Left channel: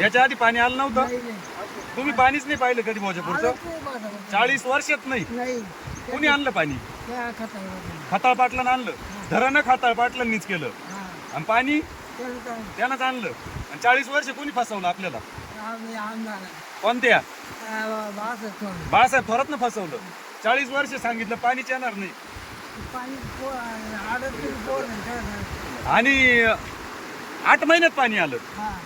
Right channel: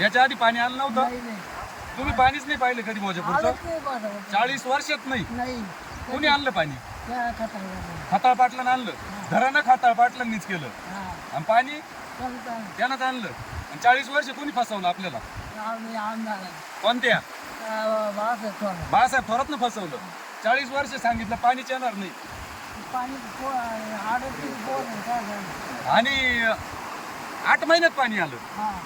याच्या आधी पाणी आलं नव्हतं. नाही तुम्ही पाणीच नाही पाहिलं कधी आलं ते चाळीस वर्षात नाही. नाही. कोणी आणलं पाणी? त्या खतावर खताळ पाटलानं आणलं. धरानं खताळ पाटलांनीच केलं. हा. आणि पाणी? त्याला तर त्यानंच आणलं. आणि चाळीस वर्ष कोणी फसवलं आपल्याला? आम्ही आमदार आहे कोणत्या? अं, बाळासाहेब थोरात. बाळासाहेब थोरातनं फसवलं. चाळीस वर्ष सांगितलं पाणीच येणार नाही. पाणी पो- अडतीस पोर आहे, काय झालं? आणि आठ महिन्यात पाणी आलं. हा.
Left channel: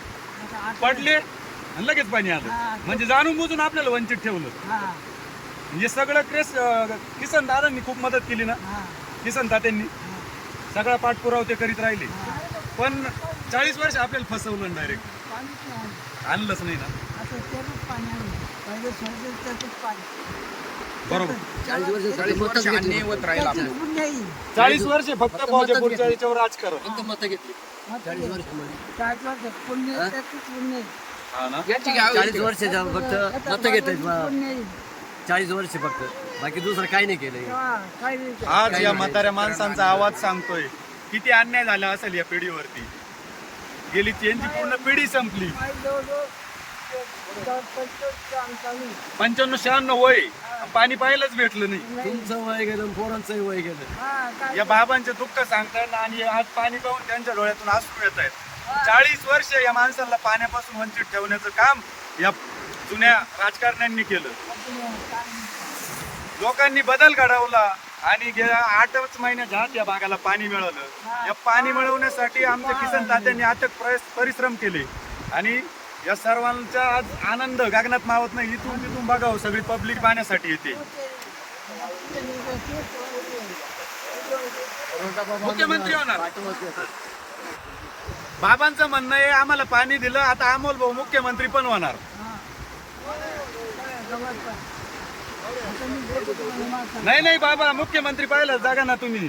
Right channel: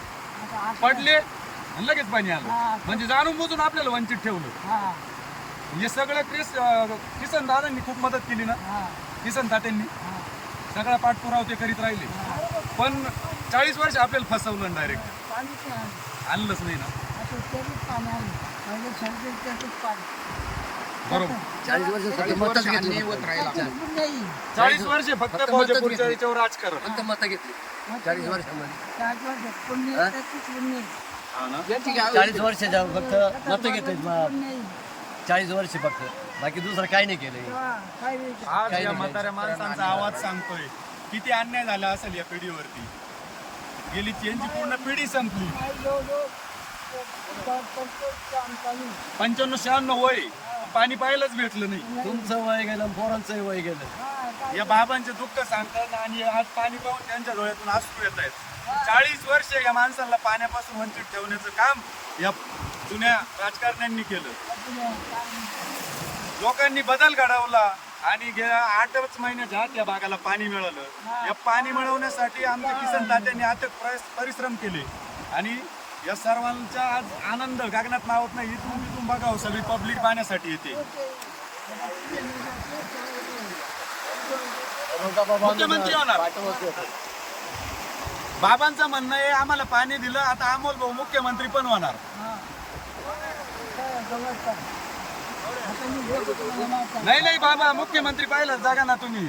आता आठ पडले आणि लगेच पाणी हा, आलं म्हणजे जाणून बुजून आपल्याला वंचित ठेवलं. हा. हे सगळं क्रेस किसन दादांनी खूप मदत केली ना. हा. किसन तात्यांनी. हा. सगळा पाठपुरावा ते करीत राहिले. पण चाळीस वर्ष आपल्याला फसवलं डायरेक्ट पाणी पण आलं. आणलंच नाही ना. आता त्यातच पाणी आलं. पहिले त्यातच पाणी. चाळीस वर्ष फक्त. याच्यावर राजकारण. फक्त मतं घेतली. चाळीस वर्षामध्ये. चाळीस वर्ष हा? फक्त मत पुण्य चाळीस वर्ष फक्त. बाकी दुसरं काही नाही केलं हा, काही नाही. आज या म्हाताऱ्या माणसांचा आवाज सांगतोय किती अन्याय झाला असेल या पिढीवरती. गेली त्यांची पूर्ण पिढी संपली. पंच्याण्णव शहाण्णव वय. पाणी पाहायलाच भेटलं नाही. तुमचं वय गेलं पोरांचंही वय गेलं. या बाबांचे दुःख सांगतात आणि आज पाणी पाहून त्यांच्या डोळ्यातून आसू येत आहेत. चाळीस वर्ष या माणसाला पाण्यापासून वंचित ठेवण्याचं काम या जुन्या राजकारण्यांनी केलं. लोकांनी बदल घडवला आणि गेल्या आठच महिन्याच्या आत या भागाला पाणी मिळालं. या पाणी मिळवण्यासाठी आमच्या किसन तात्यांनी अथक प्रयस- परिश्रम केले. आणि या सर्वांचा आज आनंद गगनात मावत नाही इथून तिथून बघावं हो, सगळी पब्लिक पाहण्यासाठी येते. मुख्यमंत्री होणार. बाबांचं म्हणणं आहे आम्हाला पाणी दिलं आता अमोल भाऊ मुख्यमंत्री पण होणार. नाही नाही बाबा मुख्यमंत्री पाहिलं जागा ना तुम्ही.